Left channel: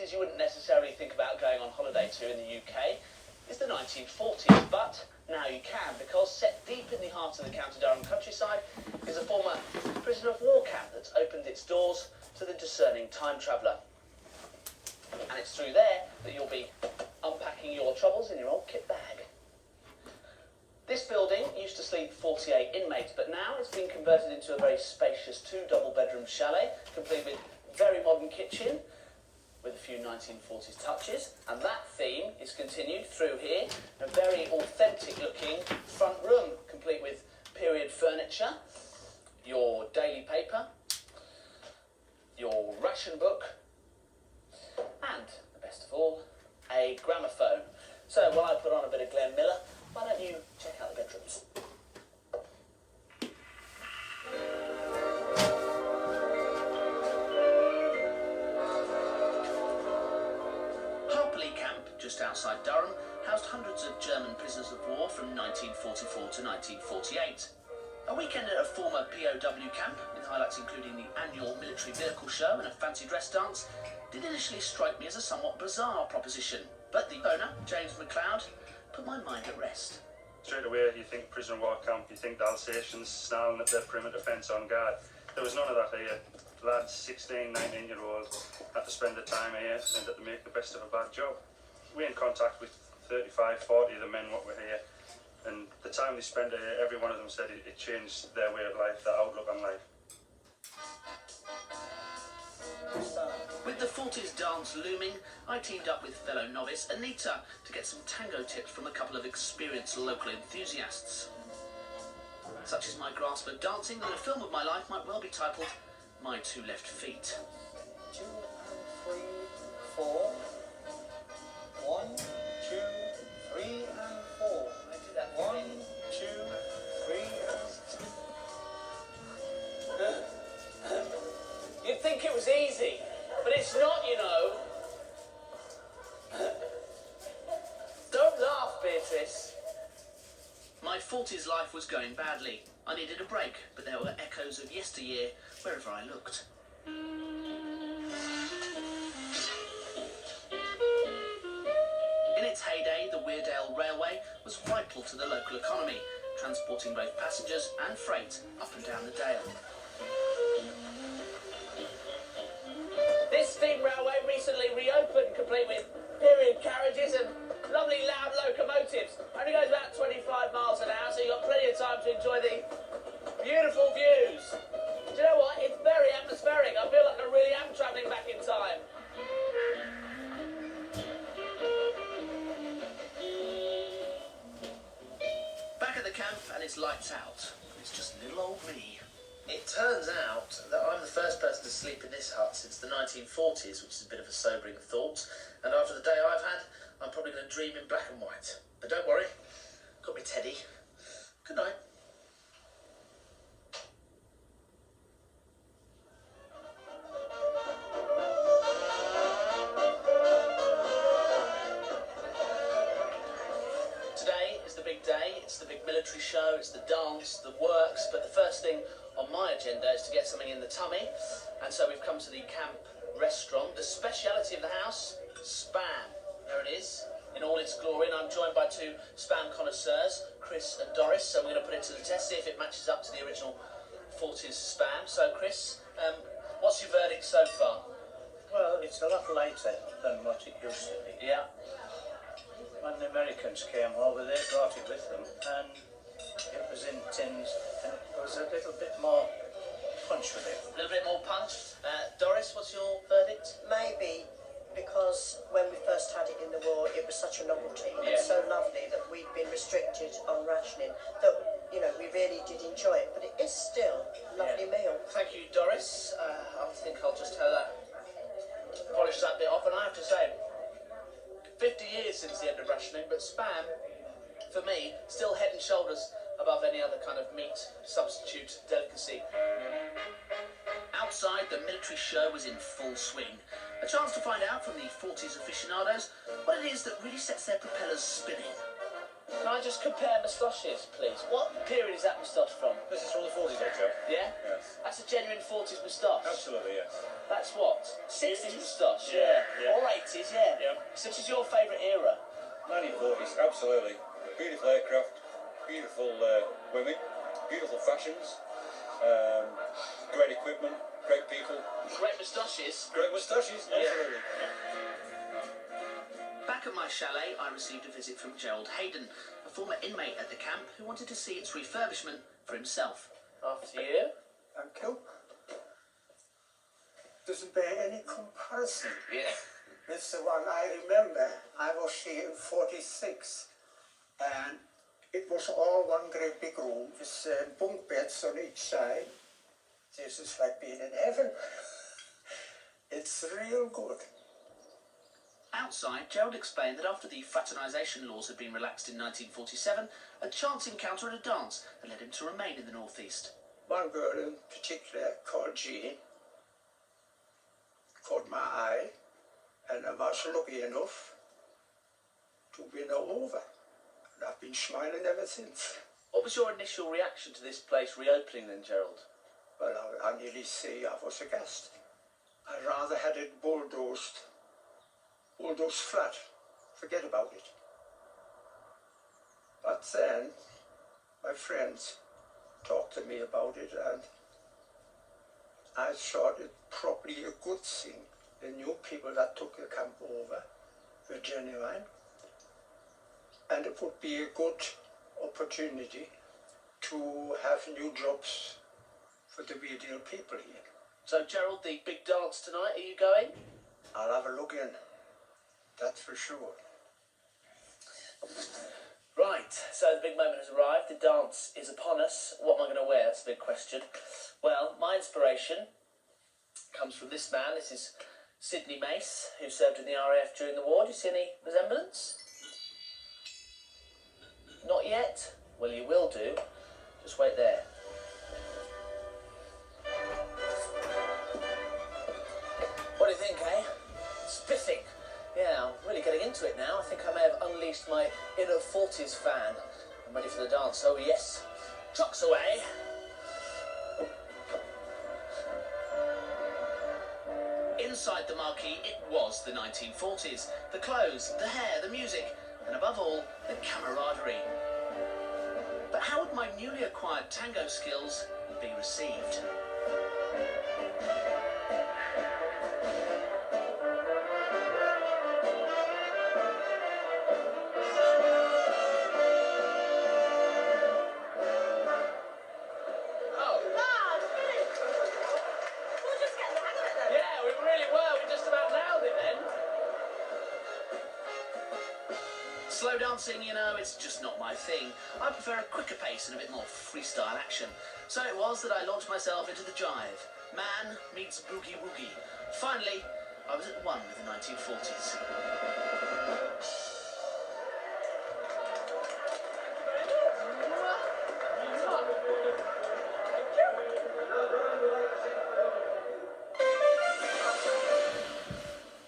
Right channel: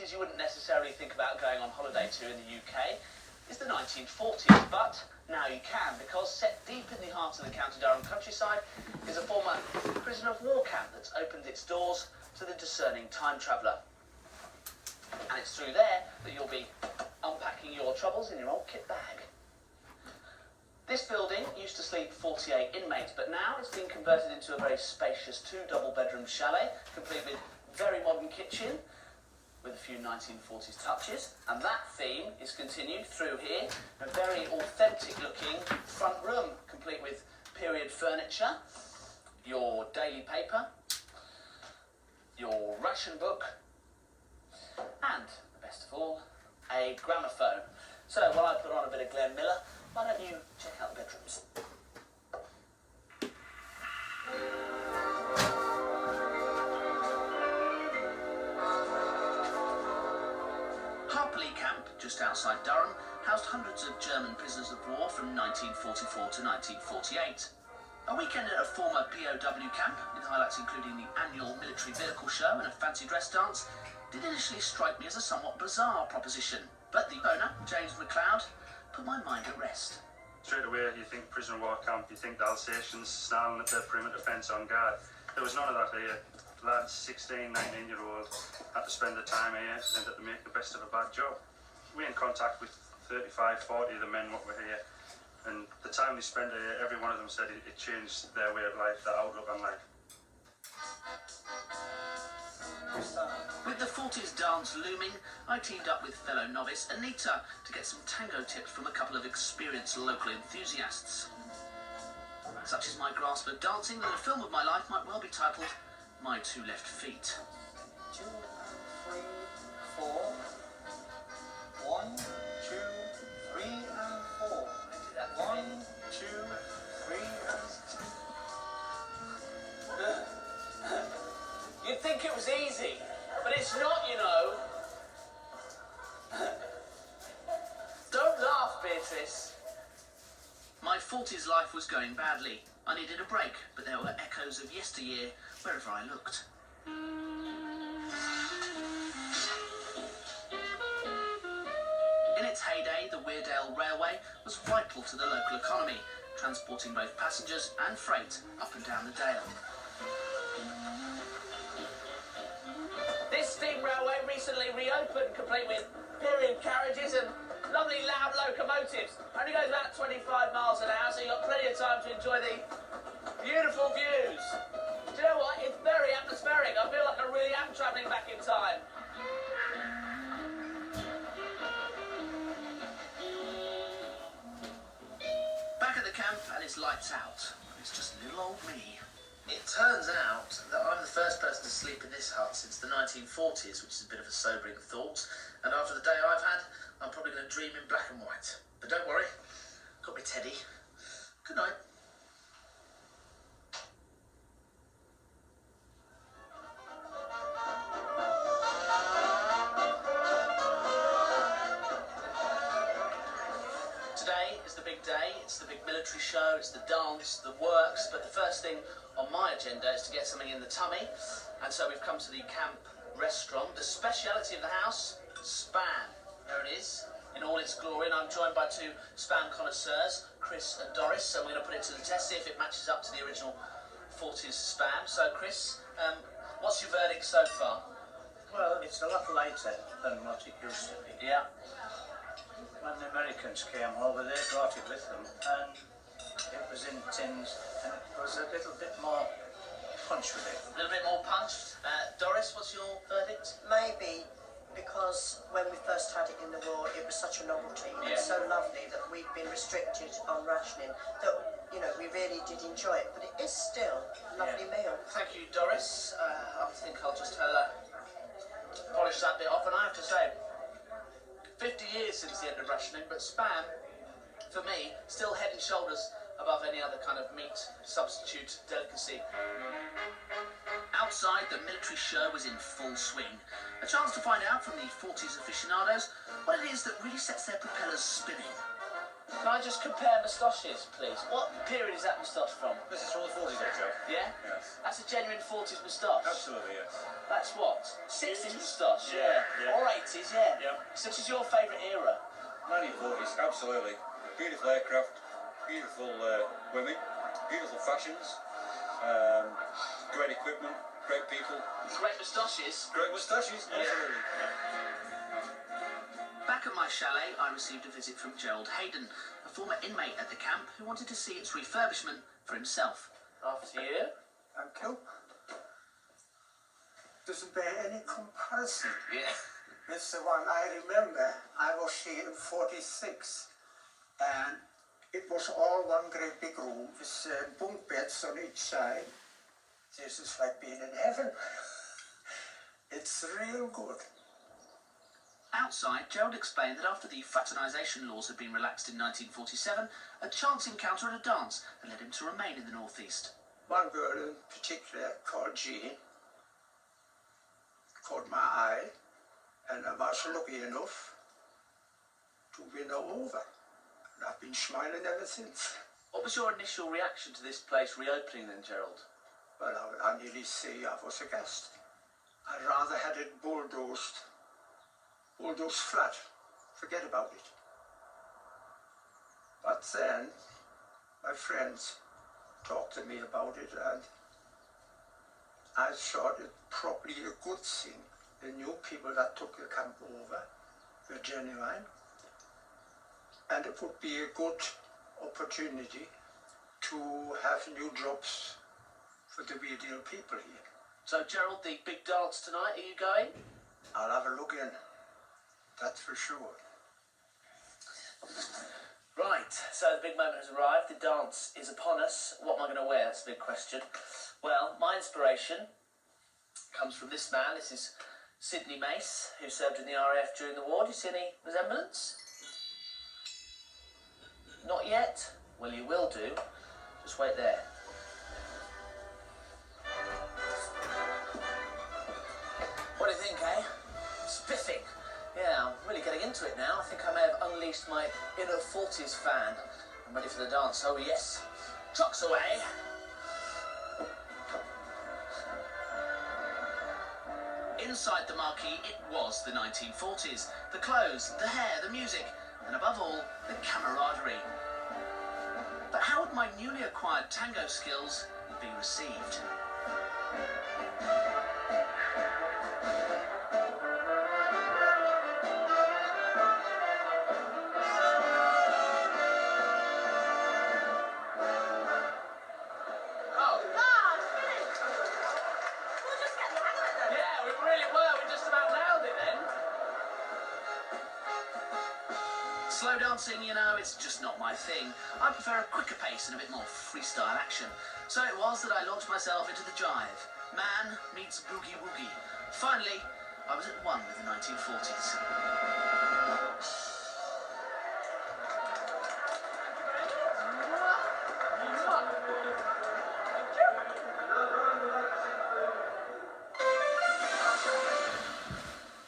places you wouldn't necessarily think about going on holiday to in the UK is the 1940s, but now you can, because set deep in the heart of the County Durham countryside is a former prisoner of war camp that's opened its doors to the discerning time traveller. And it's through there that you'll be unpacking your troubles in your old kit bag. This building used to sleep 48 inmates, but now it's been converted into a very spacious 2 double-bedroom chalet, complete with very modern kitchen, with a few 1940s touches, and that theme is continued through here. A very authentic-looking front room, complete with period furniture, your daily paper, your ration book, and, the best of all, a gramophone. So while I put on a bit of Glenn Miller, why don't you check out the bedrooms? Harperley Camp, just outside Durham, housed hundreds of German prisoners of war from 1944 to 1948. A weekend at a former POW camp, with highlights including the annual military vehicle show and a fancy dress dance, did initially strike me as a somewhat bizarre proposition. But the owner, James McLeod, put my mind at rest. Straight away you think prisoner of war camp, you think the Alsatians snarling at their perimeter fence on guard. There was none of that here. Lads, 16, 19-year-old, had to spend the time here and had to make the best of a bad job. We're in contact with 35, 40 of the men what were here, and the time they spent here, every one of them said it changed their way of life, their outlook on life. With the 40s dance looming, I teamed up with fellow novice Anita to get some tango tips from a couple of experienced local enthusiasts. Such is my grasp of dancing that a film of my life might well be titled My Two Left Feet. 2 and 3, 4. 1, 2, 3 and 4. I do that. 1, 2, 3 and... You'd think it was easy, but it's not, you know. Don't laugh, Beatrice. My 40s life was going badly. I needed a break, but there were echoes of yesteryear wherever I looked. In its heyday, the Weardale Railway was vital to the local economy, transporting both passengers and freight up and down the Dale. This steam railway recently reopened, complete with period carriages and lovely loud locomotives. Only goes about 25 miles an hour, so you've got plenty of time to enjoy the beautiful views. Do you know what? It's very atmospheric. I feel like I really am travelling back in time. Back at the camp, and it's lights out. It's just little old me. It turns out that I'm the first person to sleep in this hut since the 1940s, which is a bit of a sobering thought. And after the day I've had, I'm probably going to dream in black and white. But don't worry, got me Teddy. Good night. Today is the big day. It's the big military show, it's the dance, the works, but the first thing on my agenda is to get something in the tummy, and so we've come to the camp restaurant. The speciality of the house, spam. There it is, in all its glory, and I'm joined by 2 spam connoisseurs, Chris and Doris, so we're going to put it to the test, see if it matches up to the original 40s spam. So Chris, what's your verdict so far? Well, it's a lot lighter than what it used to be. Yeah. When the Americans came over, they brought it with them, and it was in tins, and it was a little bit more punch with it. A little bit more punch. Doris, what's your verdict? Maybe because when we first had it in the war, it was such a novelty and so lovely that we'd been restricted on rationing that, you know, we really did enjoy it. But it is still a lovely meal. Thank you, Doris. I think I'll just polish that bit off, and I have to say, 50 years since the end of rationing, but spam, for me, still head and shoulders above any other kind of meat substitute delicacy. Outside, the military show was in full swing. A chance to find out from the 40s aficionados what it is that really sets their propellers spinning. Can I just compare moustaches, please? What period is that moustache from? This is from the 40s, Joe. Yeah? Yes. That's a genuine 40s moustache. Absolutely, yes. That's what? 60s moustache, Yeah, yeah. Or 80s, yeah. Yeah. So which is your favourite era? 1940s, absolutely. Beautiful aircraft, beautiful women, beautiful fashions, great equipment, great people. Great moustaches. Great moustaches, absolutely. Back at my chalet, I received a visit from Gerhard Heyden, a former inmate at the camp who wanted to see its refurbishment for himself. After you? Thank you. Doesn't bear any comparison. Yeah. It's the one I remember. I was here in 46 and it was all one great big room with bunk beds on each side. This is like being in heaven. It's real good. Outside, Gerald explained that after the fraternisation laws had been relaxed in 1947, a chance encounter at a dance had led him to remain in the northeast. One girl in particular called Jean caught my eye, and I was lucky enough to win her over. And I've been smiling ever since. What was your initial reaction to this place reopening then, Gerald? Well, I nearly say I was aghast. I rather had it bulldozed flat. Forget about it. But then my friends talked to me about it, and I thought it probably a good thing. The new people that took the camp over were genuine, and it would be a good opportunity to have new jobs for the real deal people here. So, Gerald, the big dance tonight, are you going? I'll have a look in, that's for sure. Right, so the big moment has arrived. The dance is upon us. What am I going to wear? That's a big question. Well, my inspiration comes from this man. This is Sidney Mace, who served in the RAF during the war. Do you see any resemblance? Not yet? Well, you will do. Just wait there. What do you think, eh? Spiffing. Yeah, I'm really getting into it now. I think I may have unleashed my inner 40s fan. I'm ready for the dance. Oh, yes. Trucks away. Inside the marquee, it was the 1940s. The clothes, the hair, the music, and above all, the camaraderie. But how would my newly acquired tango skills be received? Slow dancing, you know, it's just not my thing. I prefer a quicker pace and a bit more freestyle action. So it was that I launched myself into the jive. Man meets boogie woogie. Finally, I was at one with the 1940s.